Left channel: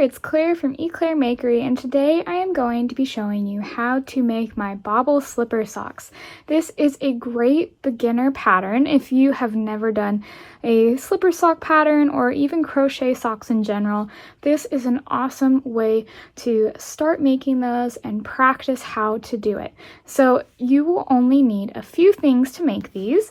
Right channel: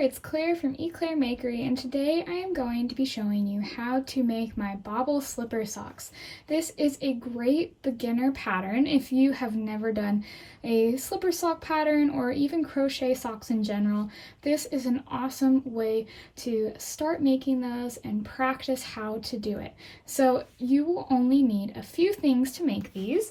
there, it's Claire from E'Claire Makery, and today I am going to be showing you how to make my Bobble Slipper Socks. This is a great beginner pattern if you have never done a slipper sock pattern or even crochet socks in general. This is an awesome way to start making those and practice how to do it. So you will only need a few things to make these.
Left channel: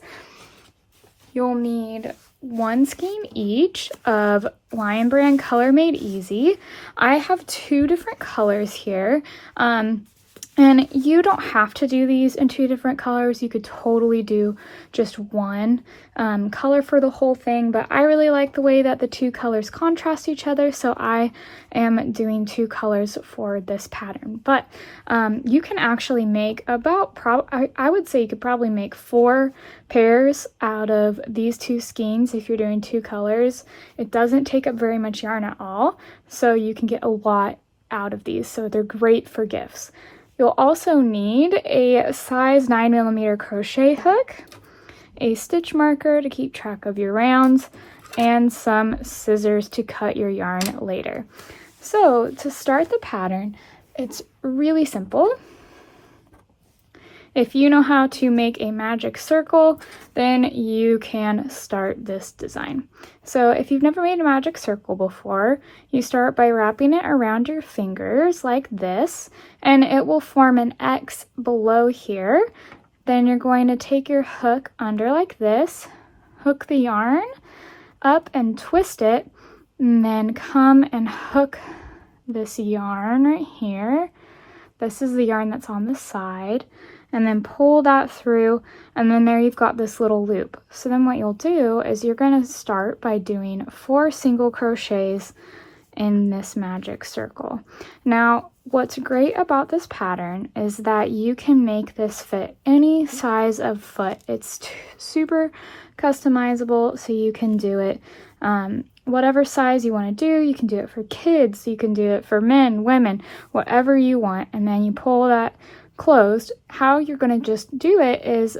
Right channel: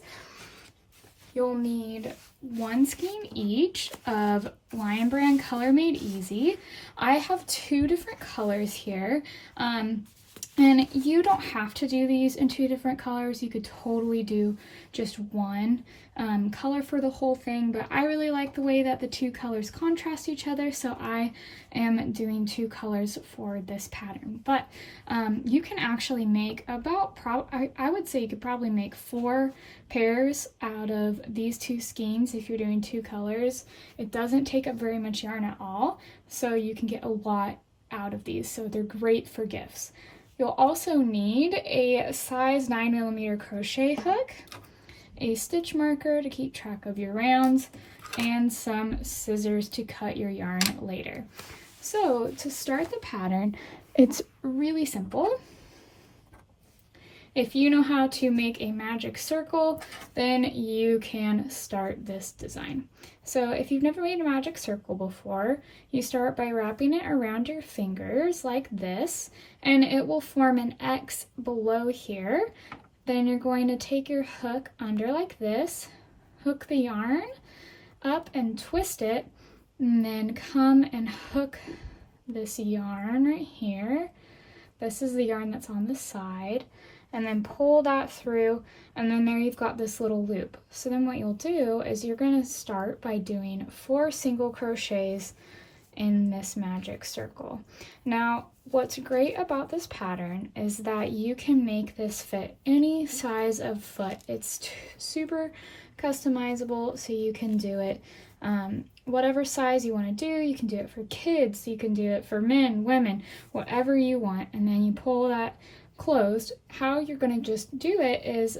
You'll need one skein each of Lion Brand Color Made Easy. I have two different colors here, and you don't have to do these in two different colors. You could totally do just one color for the whole thing, but I really like the way that the two colors contrast each other, so I am doing two colors for this pattern. But you can actually make about, I would say you could probably make 4 pairs out of these two skeins if you're doing two colors. It doesn't take up very much yarn at all, so you can get a lot out of these, so they're great for gifts. You'll also need a size 9mm crochet hook, a stitch marker to keep track of your rounds, and some scissors to cut your yarn later. So to start the pattern, it's really simple. If you know how to make a magic circle, then you can start this design. So if you've never made a magic circle before, you start by wrapping it around your fingers like this, and it will form an X below here. Then you're going to take your hook under like this, hook the yarn up and twist it, and then come and hook this yarn right here. This is the yarn that's on the side. And then pull that through, and then there you've got this little loop. So then what you'll do is you're going to start by doing 4 single crochets in this magic circle. Now, what's great about this pattern is that you can make this fit any size of foot. It's super customizable, so you can do it whatever size you want to do. You can do it for kids, you can do it for men, women, whatever you want, and then you pull that closed. How you're going to just do it is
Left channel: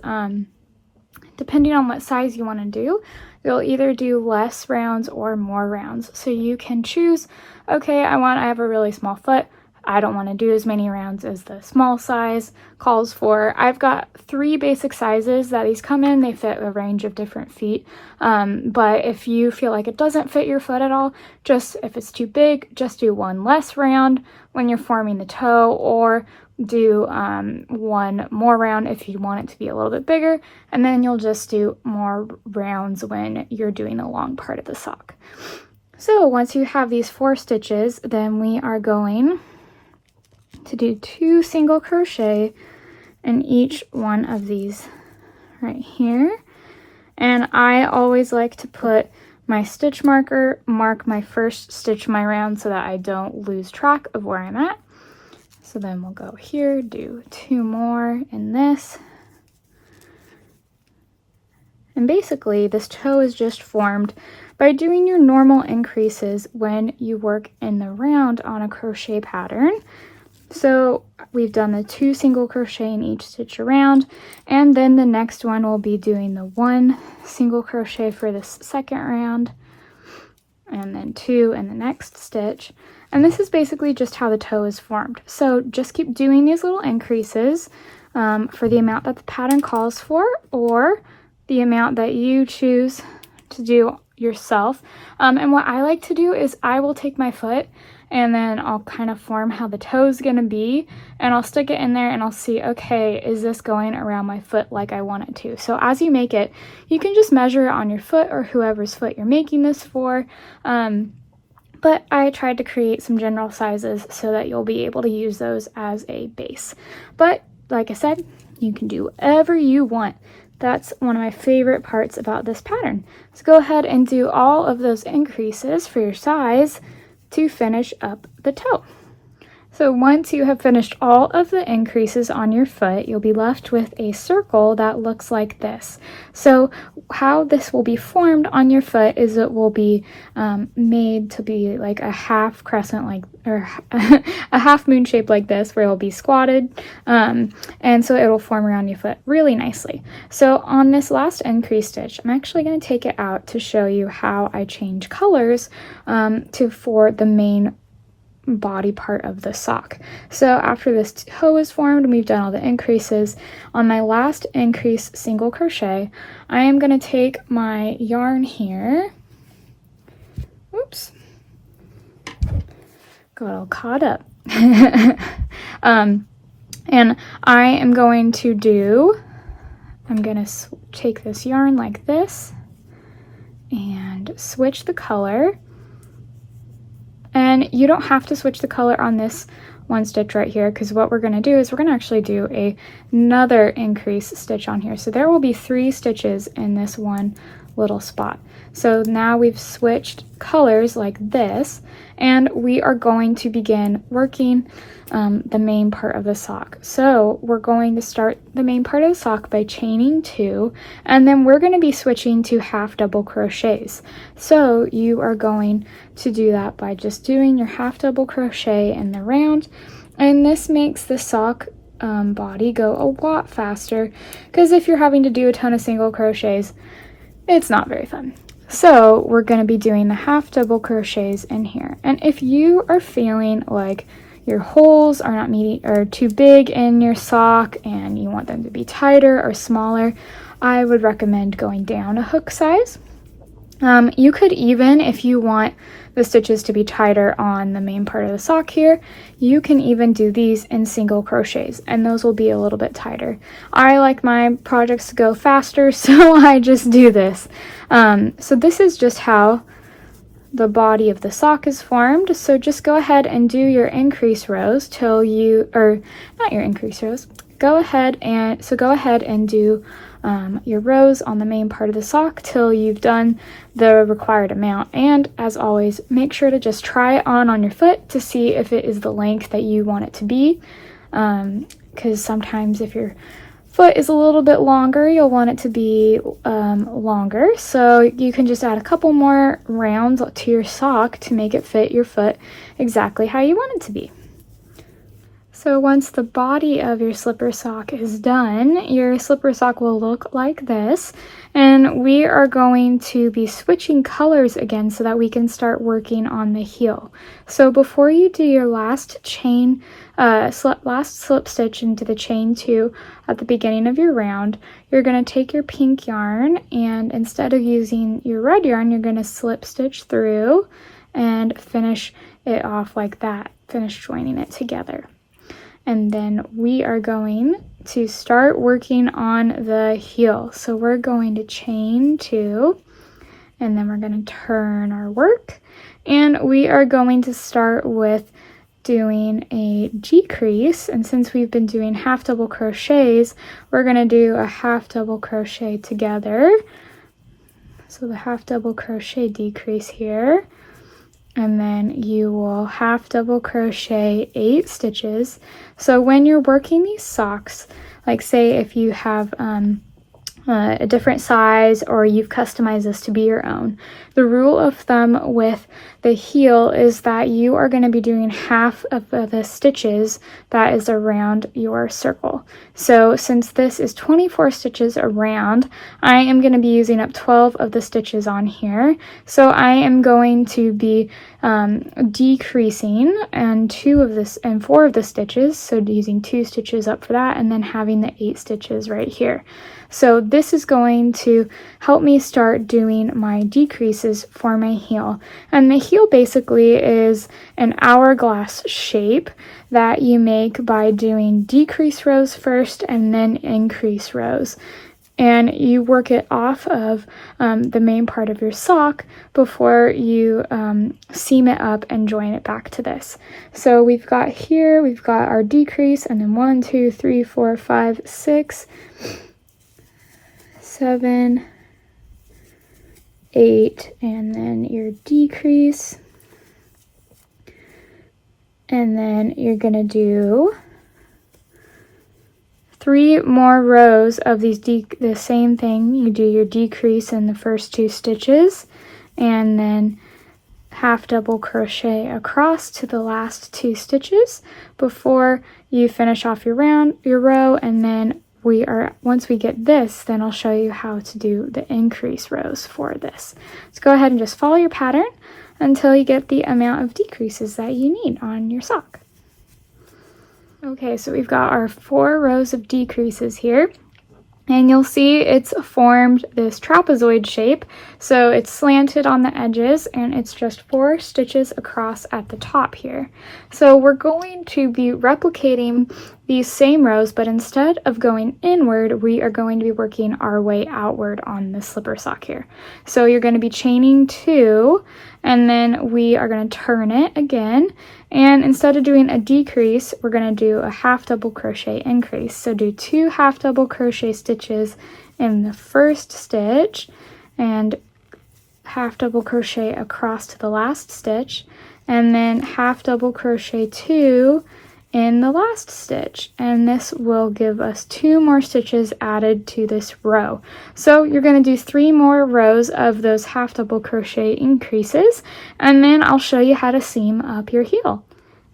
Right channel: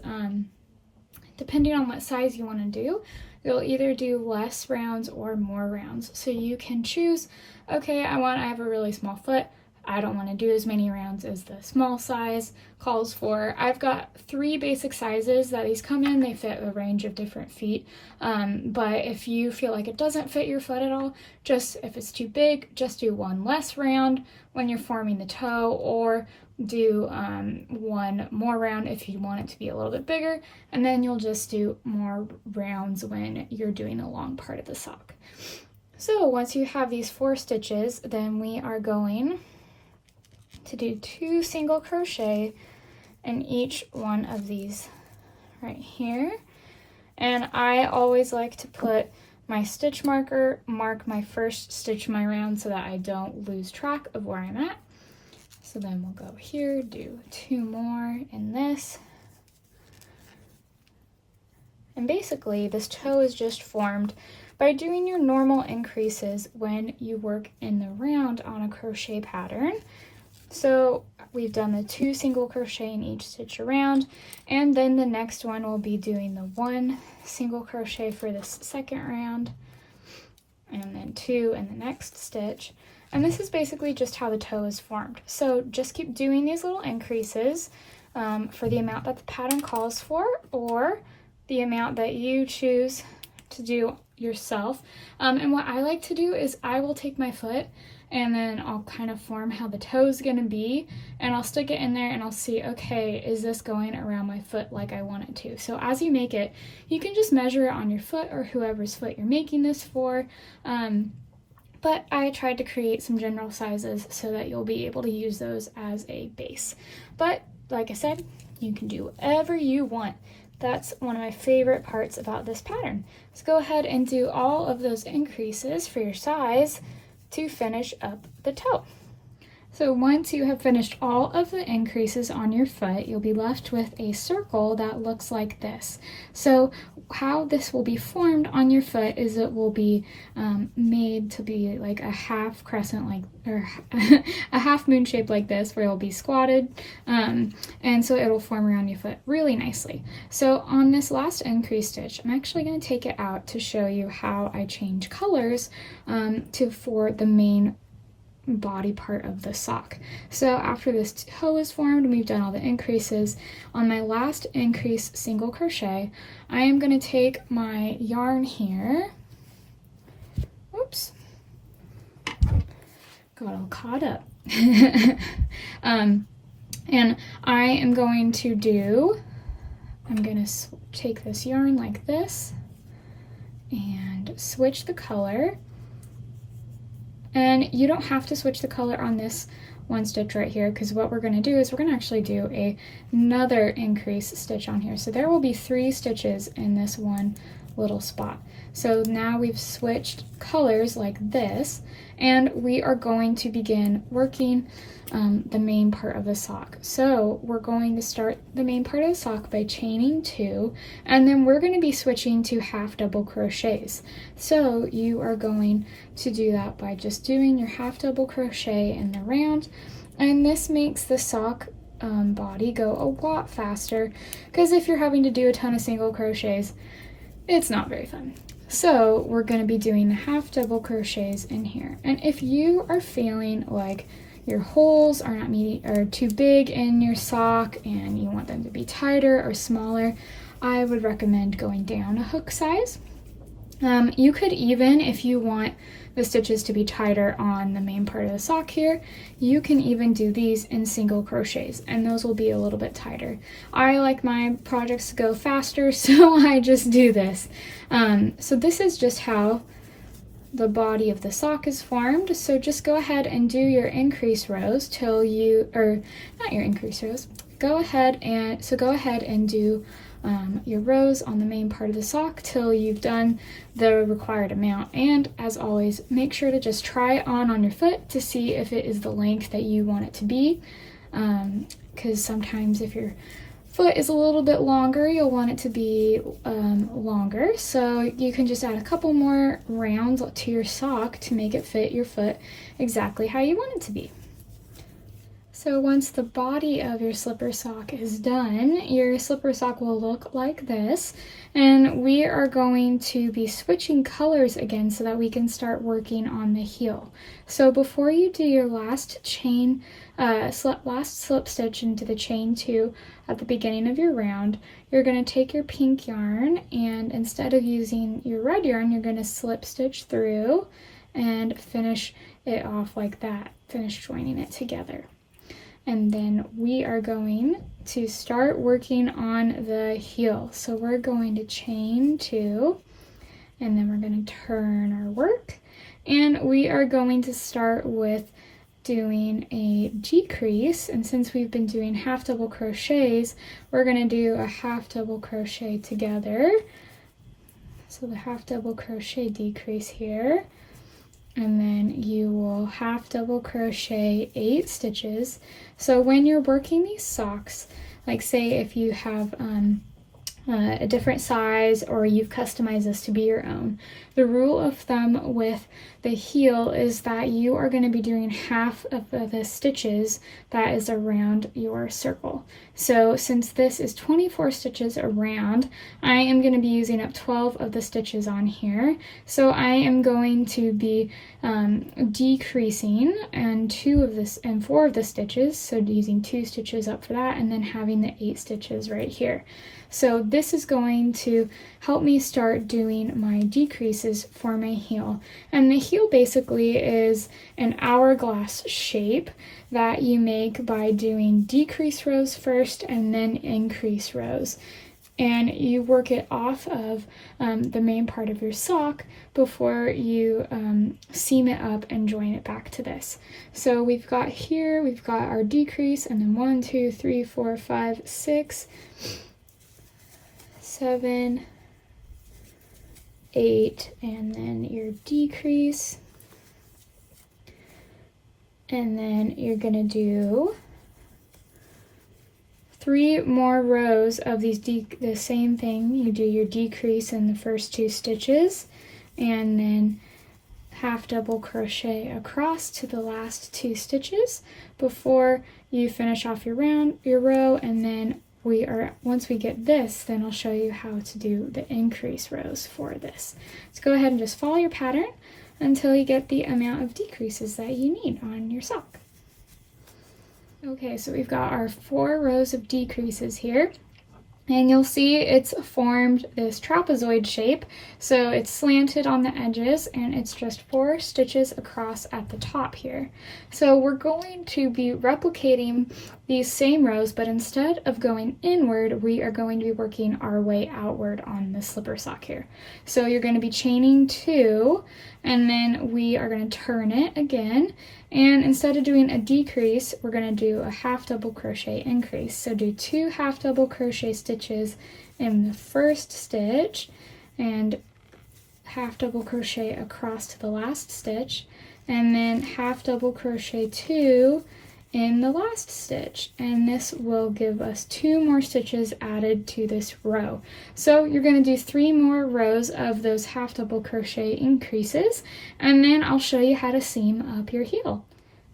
depending on what size you want to do, you'll either do less rounds or more rounds. So you can choose, okay, I have a really small foot, I don't want to do as many rounds as the small size calls for. I've got 3 basic sizes that these come in. They fit a range of different feet, but if you feel like it doesn't fit your foot at all, just if it's too big, just do one less round when you're forming the toe, or do one more round if you want it to be a little bit bigger, and then you'll just do more rounds when you're doing the long part of the sock. So once you have these 4 stitches, then we are going to do 2 single crochet in each one of these right here. And I always like to put my stitch marker, mark my first stitch of my round so that I don't lose track of where I'm at. So then we'll go here, do 2 more in this. And basically this toe is just formed by doing your normal increases when you work in the round on a crochet pattern. So we've done the 2 single crochet in each stitch around, and then the next one will be doing the 1 single crochet for this second round, and then 2 in the next stitch. And this is basically just how the toe is formed. So just keep doing these little increases for the amount that the pattern calls for, or the amount that you choose to do yourself. And what I like to do is I will take my foot and then I'll kind of form how the toe is going to be, and I'll stick it in there and I'll see, okay, is this going around my foot like I want it to? So as you make it, you can just measure it on your foot or whoever's foot you're making this for. But I tried to create some general sizes so that you'll be able to use those as a base. But like I said, you can do whatever you want. That's one of my favorite parts about this pattern. So go ahead and do all of those increases for your size to finish up the toe. So once you have finished all of the increases on your foot, you'll be left with a circle that looks like this. So how this will be formed on your foot is it will be made to be like a half crescent, like, or a half moon shape like this, where it'll be squatted, and so it'll form around your foot really nicely. So on this last increase stitch, I'm actually going to take it out to show you how I change colors for the main body part of the sock. So after this toe is formed and we've done all the increases, on my last increase single crochet, I am going to take my yarn here. Oops. Got all caught up. And I am going to I'm going to take this yarn like this and switch the color. And you don't have to switch the color on this one stitch right here, because what we're going to do is we're going to actually do another increase stitch on here. So there will be 3 stitches in this one little spot. So now we've switched colors like this, and we are going to begin working the main part of the sock. So we're going to start the main part of the sock by chaining 2, and then we're going to be switching to half double crochets. So you are going to do that by just doing your half double crochet in the round, and this makes the sock body go a lot faster, because if you're having to do a ton of single crochets, it's not very fun. So we're going to be doing the half double crochets in here. And if you are feeling like your holes are not meeting or too big in your sock and you want them to be tighter or smaller, I would recommend going down a hook size. You could even, if you want the stitches to be tighter on the main part of the sock here, you can even do these in single crochets, and those will be a little bit tighter. I like my projects to go faster, so I just do this. So this is just how the body of the sock is formed. So just go ahead and do your increase rows till you, or not your increase rows, go ahead and do your rows on the main part of the sock till you've done the required amount. And as always, make sure to just try it on your foot to see if it is the length that you want it to be, because sometimes if your foot is a little bit longer, you'll want it to be longer. So you can just add a couple more rounds to your sock to make it fit your foot exactly how you want it to be. So once the body of your slipper sock is done, your slipper sock will look like this, and we are going to be switching colors again so that we can start working on the heel. So before you do your last chain, last slip stitch into the chain 2 at the beginning of your round, you're going to take your pink yarn, and instead of using your red yarn, you're going to slip stitch through and finish it off like that, finish joining it together. And then we are going to start working on the heel. So we're going to chain 2, and then we're going to turn our work, and we are going to start with doing a decrease. And since we've been doing half double crochets, we're going to do a half double crochet together. So the half double crochet decrease here, and then you will half double crochet 8 stitches. So when you're working these socks, like say if you have a different size or you've customized this to be your own, the rule of thumb with the heel is that you are going to be doing half of the stitches that is around your circle. So since this is 24 stitches around, I am going to be using up 12 of the stitches on here. So I am going to be decreasing and 4 of the stitches, so using 2 stitches up for that, and then having the 8 stitches right here. So this is going to help me start doing my decreases for my heel. And the heel basically is an hourglass shape that you make by doing decrease rows first and then increase rows. And you work it off of the main part of your sock before you seam it up and join it back to this. So we've got our decrease, and then 1, 2, 3, 4, 5, 6, 7, 8, and then your decrease, and then you're gonna do 3 more rows of these the same thing. You do your decrease in the first 2 stitches, and then half double crochet across to the last 2 stitches before you finish off your row, and then once we get this, then I'll show you how to do the increase rows for this. So go ahead and just follow your pattern. until you get the amount of decreases that you need on your sock. Okay, so we've got our 4 rows of decreases here. And you'll see it's formed this trapezoid shape. So it's slanted on the edges and it's just 4 stitches across at the top here. So we're going to be replicating these same rows, but instead of going inward, we are going to be working our way outward on the slipper sock here. So you're going to be chaining 2, and then we are going to turn it again. And instead of doing a decrease, we're going to do a half double crochet increase. So do 2 half double crochet stitches in the first stitch and half double crochet across to the last stitch, and then half double crochet 2 in the last stitch, and this will give us 2 more stitches added to this row. So you're going to do 3 more rows of those half double crochet increases, and then I'll show you how to seam up your heel.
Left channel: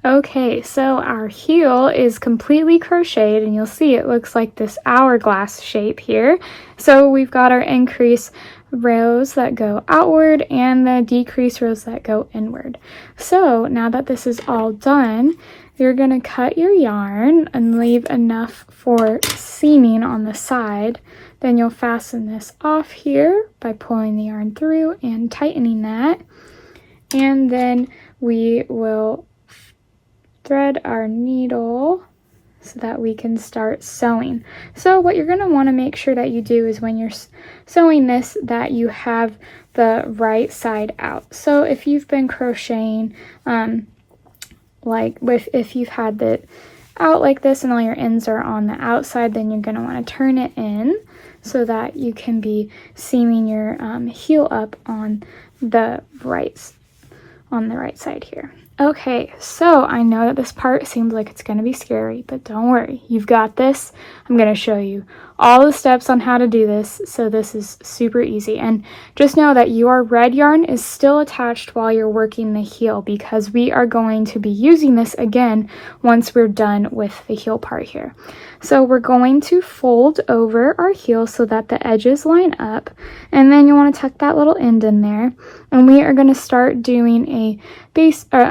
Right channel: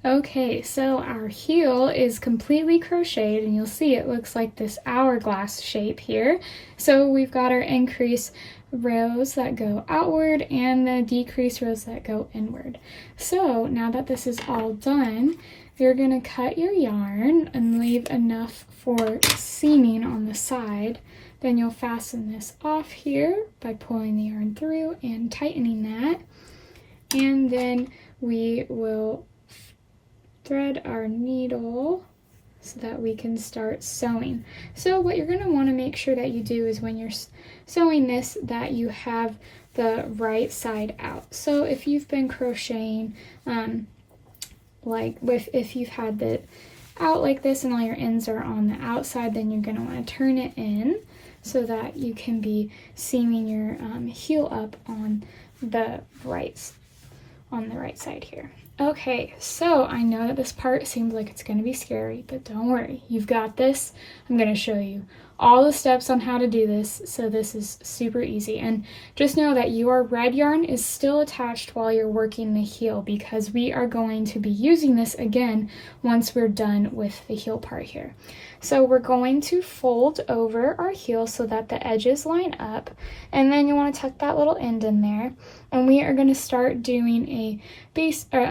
Okay, so our heel is completely crocheted, and you'll see it looks like this hourglass shape here. So we've got our increase rows that go outward and the decrease rows that go inward. So now that this is all done, you're going to cut your yarn and leave enough for seaming on the side. Then you'll fasten this off here by pulling the yarn through and tightening that. And then we will thread our needle so that we can start sewing. So what you're going to want to make sure that you do is when you're sewing this, that you have the right side out. So if you've been crocheting, if you've had it out like this and all your ends are on the outside, then you're going to want to turn it in so that you can be seaming your heel up on the right side here. Okay, so I know that this part seems like it's going to be scary, but don't worry, you've got this. I'm going to show you all the steps on how to do this, so this is super easy. And just know that your red yarn is still attached while you're working the heel, because we are going to be using this again once we're done with the heel part here. So we're going to fold over our heel so that the edges line up, and then you want to tuck that little end in there, and we are going to start doing a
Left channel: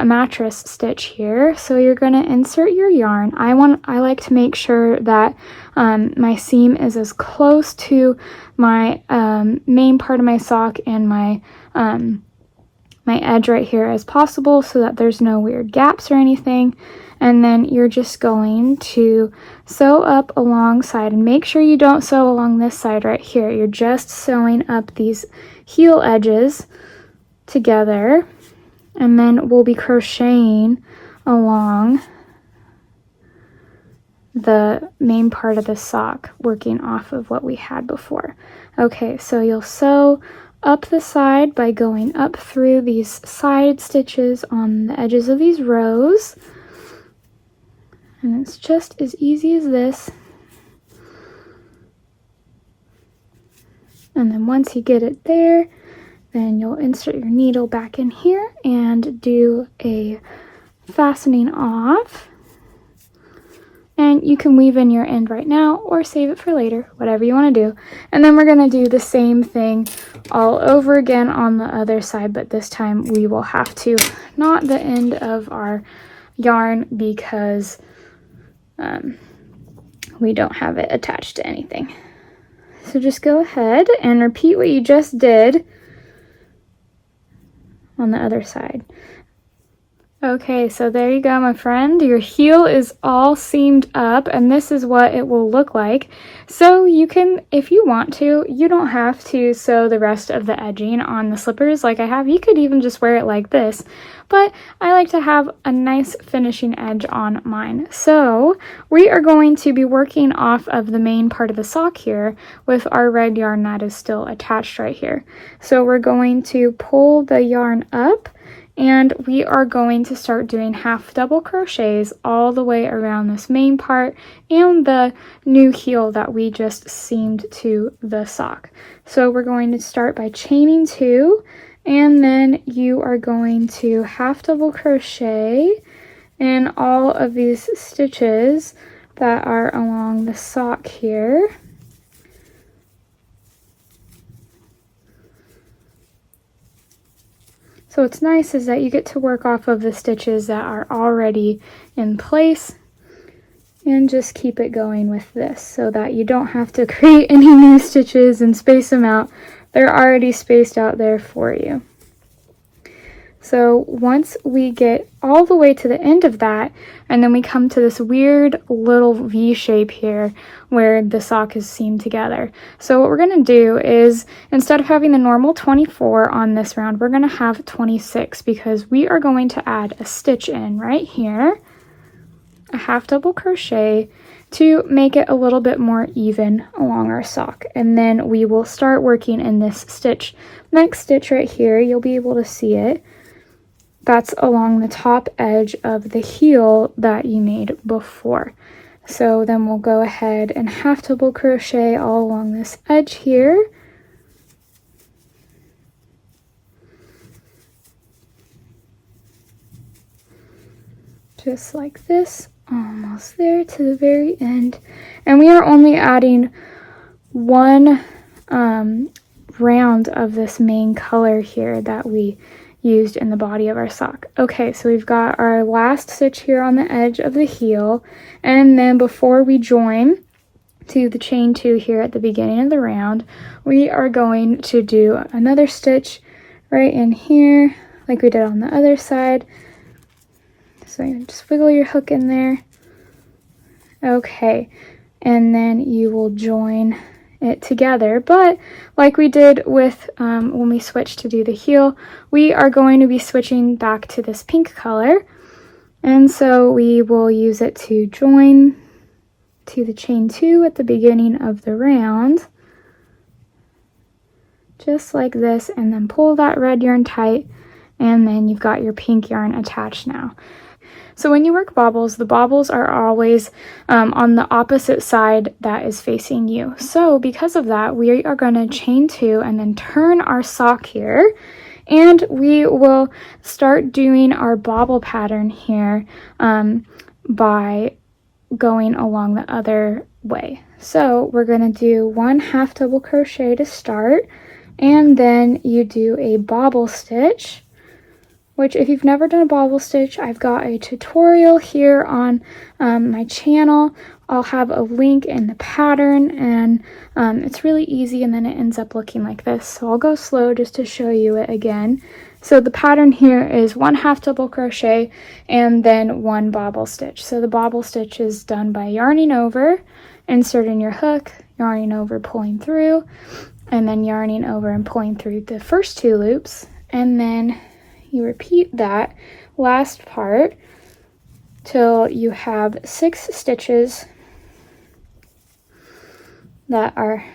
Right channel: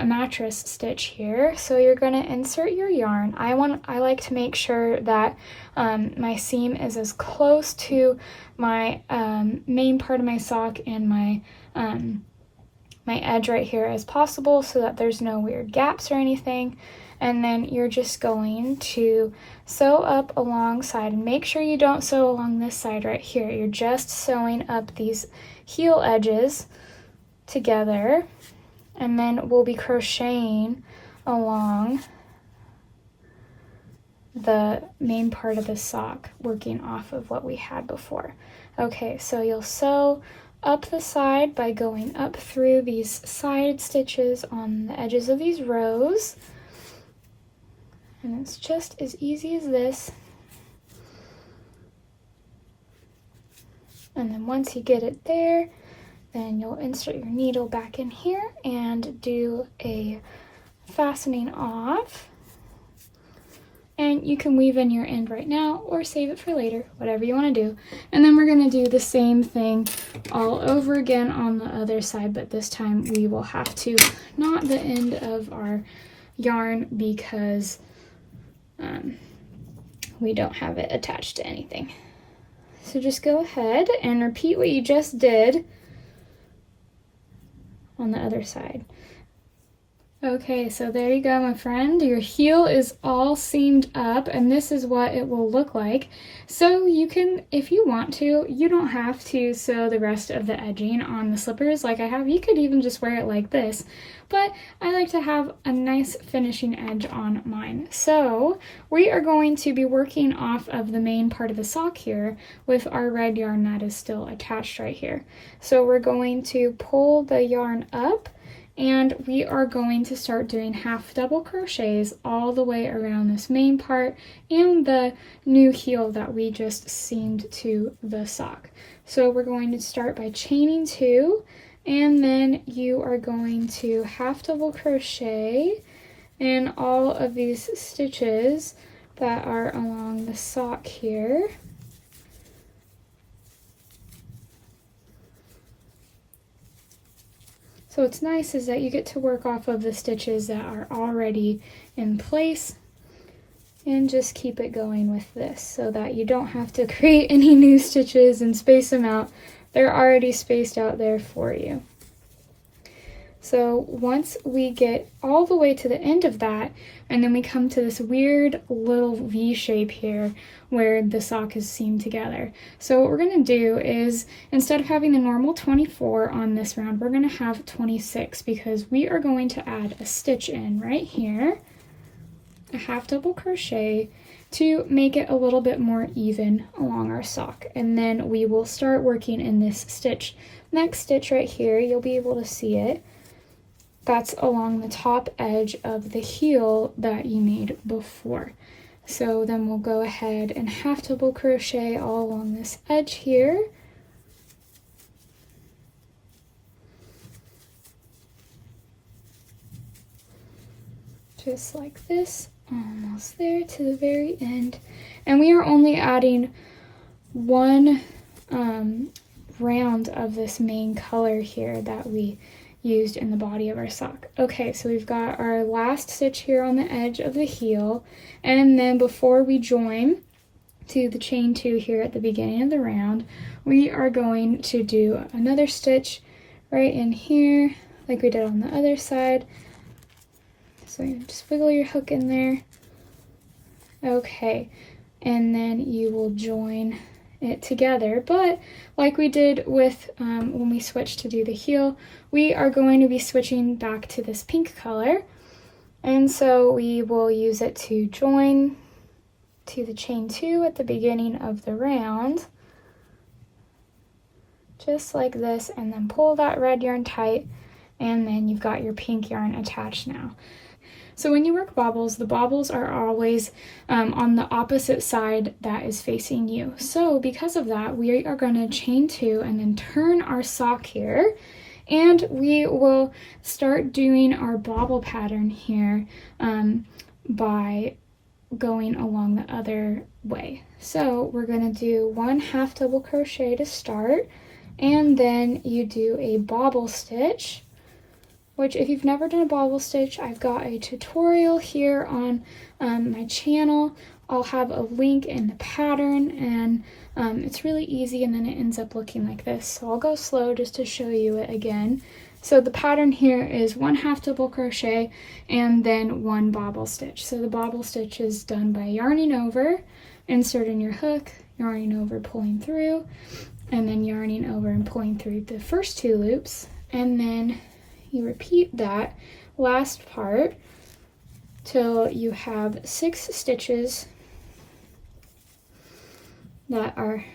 mattress stitch here. So you're going to insert your yarn. I like to make sure that my seam is as close to my main part of my sock and my edge right here as possible, so that there's no weird gaps or anything. And then you're just going to sew up alongside, and make sure you don't sew along this side right here. You're just sewing up these heel edges together, and then we'll be crocheting along the main part of the sock, working off of what we had before. Okay, so you'll sew up the side by going up through these side stitches on the edges of these rows. And it's just as easy as this. And then once you get it there, then you'll insert your needle back in here and do a fastening off. And you can weave in your end right now or save it for later, whatever you want to do. And then we're going to do the same thing all over again on the other side, but this time we will have to knot the end of our yarn because we don't have it attached to anything. So just go ahead and repeat what you just did on the other side. Okay, so there you go, my friend. Your heel is all seamed up, and this is what it will look like. So you can, if you want to, you don't have to sew the rest of the edging on the slippers like I have. You could even just wear it like this, but I like to have a nice finishing edge on mine. So we are going to be working off of the main part of the sock here with our red yarn that is still attached right here. So we're going to pull the yarn up, and we are going to start doing half double crochets all the way around this main part and the new heel that we just seamed to the sock. So we're going to start by chaining 2, and then you are going to half double crochet in all of these stitches that are along the sock here. So what's nice is that you get to work off of the stitches that are already in place and just keep it going with this so that you don't have to create any new stitches and space them out. They're already spaced out there for you. So once we get all the way to the end of that, and then we come to this weird little V shape here where the sock is seamed together. So what we're going to do is, instead of having the normal 24 on this round, we're going to have 26 because we are going to add a stitch in right here, a half double crochet, to make it a little bit more even along our sock. And then we will start working in this stitch. Next stitch right here, you'll be able to see it. That's along the top edge of the heel that you made before. So then we'll go ahead and half double crochet all along this edge here. Just like this, almost there to the very end. And we are only adding one round of this main color here that we used in the body of our sock. Okay, so we've got our last stitch here on the edge of the heel, and then before we join to the chain 2 here at the beginning of the round, we are going to do another stitch right in here like we did on the other side. So you just wiggle your hook in there. Okay, and then you will join it together, but like we did with when we switched to do the heel, we are going to be switching back to this pink color, and so we will use it to join to the chain 2 at the beginning of the round, just like this, and then pull that red yarn tight, and then you've got your pink yarn attached now. So when you work bobbles, the bobbles are always on the opposite side that is facing you. So because of that, we are going to chain 2 and then turn our sock here, and we will start doing our bobble pattern here by going along the other way. So we're going to do 1 half double crochet to start, and then you do a bobble stitch, which if you've never done a bobble stitch, I've got a tutorial here on my channel. I'll have a link in the pattern, and it's really easy, and then it ends up looking like this. So I'll go slow just to show you it again. So the pattern here is 1 half double crochet and then 1 bobble stitch. So the bobble stitch is done by yarning over, inserting your hook, yarning over, pulling through, and then yarning over and pulling through the first 2 loops, and then you repeat that last part till you have 6 stitches that are,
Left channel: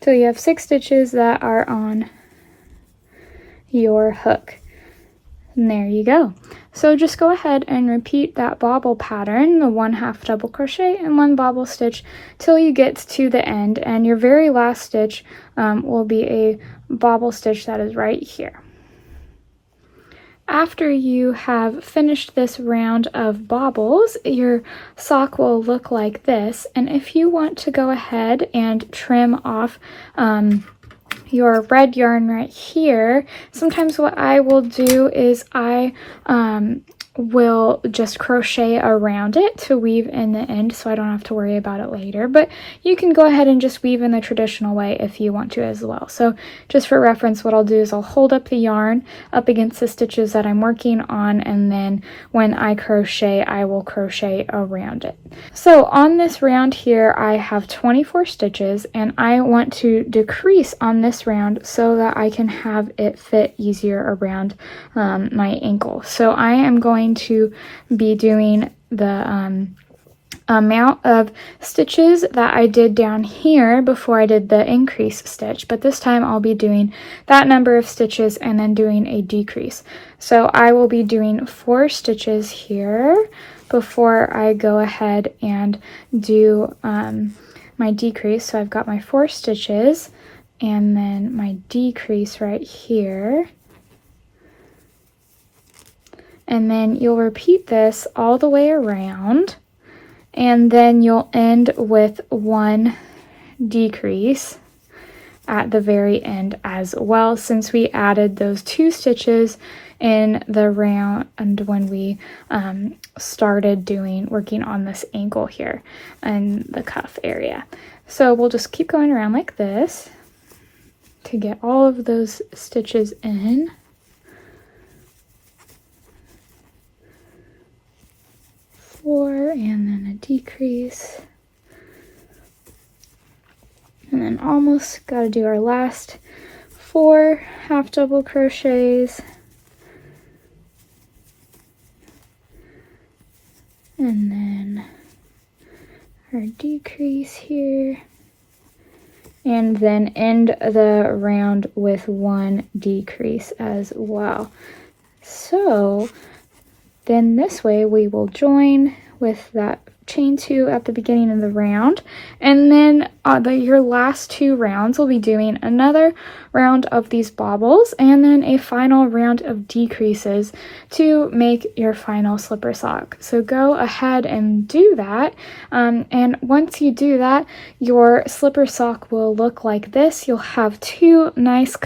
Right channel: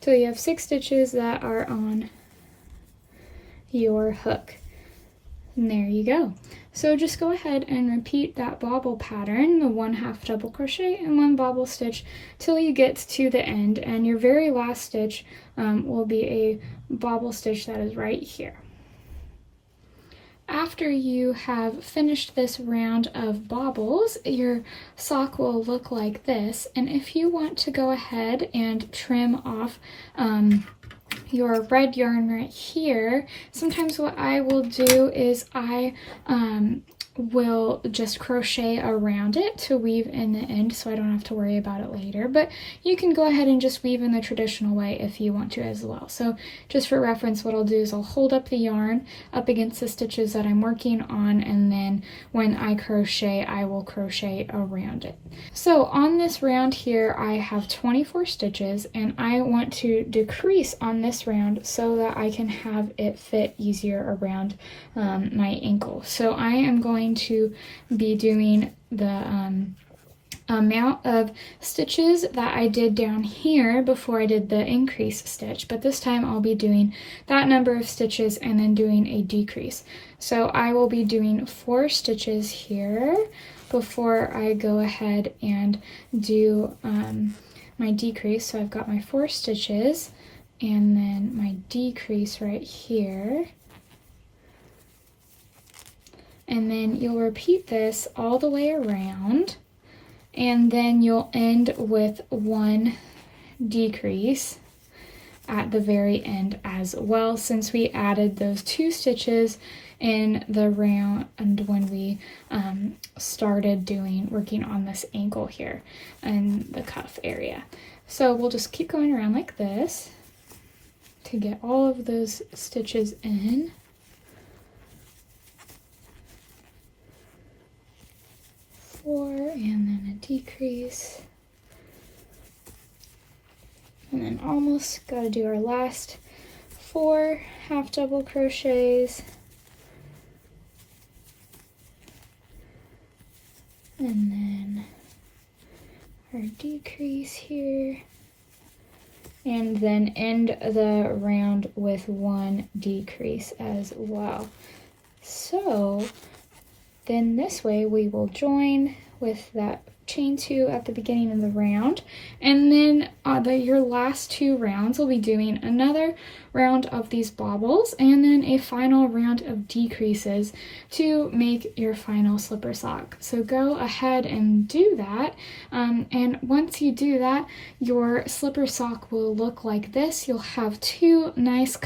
till you have 6 stitches that are on your hook. And there you go. So just go ahead and repeat that bobble pattern, the 1 half double crochet and 1 bobble stitch, till you get to the end, and your very last stitch will be a bobble stitch that is right here. After you have finished this round of bobbles, your sock will look like this, and if you want to go ahead and trim off your red yarn right here, sometimes what I will do is I will just crochet around it to weave in the end so I don't have to worry about it later, but you can go ahead and just weave in the traditional way if you want to as well. So just for reference, what I'll do is I'll hold up the yarn up against the stitches that I'm working on, and then when I crochet, I will crochet around it. So on this round here, I have 24 stitches, and I want to decrease on this round so that I can have it fit easier around my ankle. So I am going to be doing the amount of stitches that I did down here before I did the increase stitch, but this time I'll be doing that number of stitches and then doing a decrease. So I will be doing 4 stitches here before I go ahead and do my decrease. So I've got my 4 stitches and then my decrease right here. And then you'll repeat this all the way around, and then you'll end with 1 decrease, at the very end as well, since we added those 2 stitches in the round and when we started working on this ankle here and the cuff area. So we'll just keep going around like this to get all of those stitches in. Four, and then a decrease. And then almost got to do our last 4 half double crochets. And then our decrease here. And then end the round with 1 decrease as well. So then this way we will join with that chain 2 at the beginning of the round, and then your last 2 rounds will be doing another round of these bobbles and then a final round of decreases to make your final slipper sock. So go ahead and do that, and once you do that, your slipper sock will look like this. You'll have 2 nice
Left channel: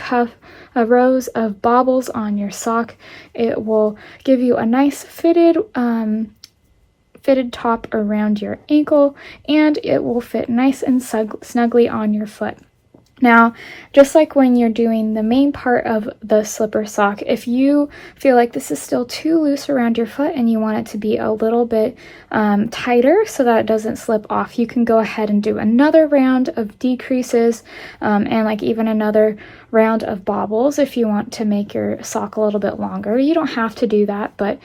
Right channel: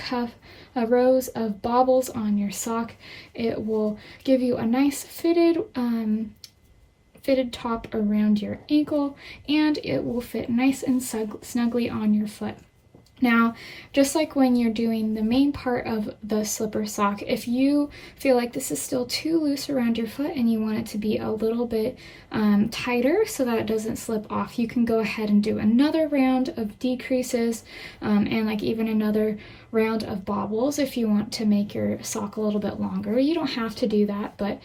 rows of bobbles on your sock. It will give you a nice fitted top around your ankle, and it will fit nice and snugly on your foot. Now, just like when you're doing the main part of the slipper sock, if you feel like this is still too loose around your foot and you want it to be a little bit tighter so that it doesn't slip off, you can go ahead and do another round of decreases and like even another round of bobbles if you want to make your sock a little bit longer. You don't have to do that, but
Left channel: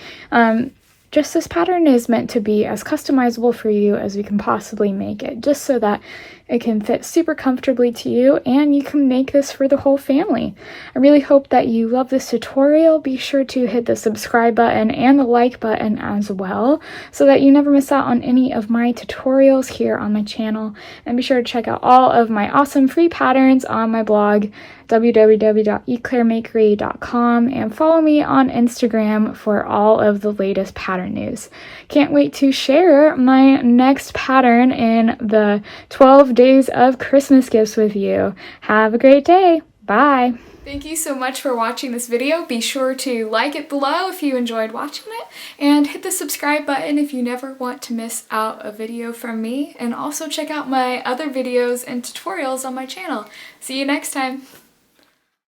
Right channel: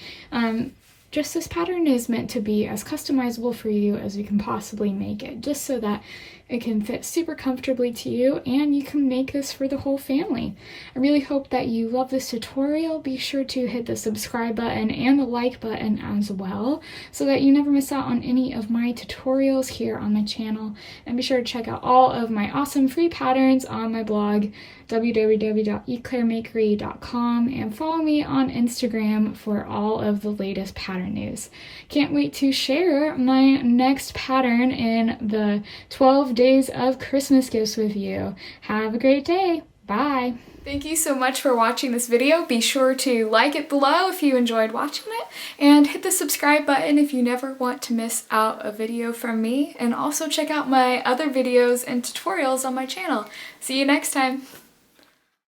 just this pattern is meant to be as customizable for you as we can possibly make it, just so that it can fit super comfortably to you and you can make this for the whole family. I really hope that you love this tutorial. Be sure to hit the subscribe button and the like button as well so that you never miss out on any of my tutorials here on my channel. And be sure to check out all of my awesome free patterns on my blog, www.eclairemakery.com, and follow me on Instagram for all of the latest pattern news. Can't wait to share my next pattern in the 12 days of Christmas gifts with you. Have a great day. Bye. Thank you so much for watching this video. Be sure to like it below if you enjoyed watching it, and hit the subscribe button if you never want to miss out a video from me, and also check out my other videos and tutorials on my channel. See you next time.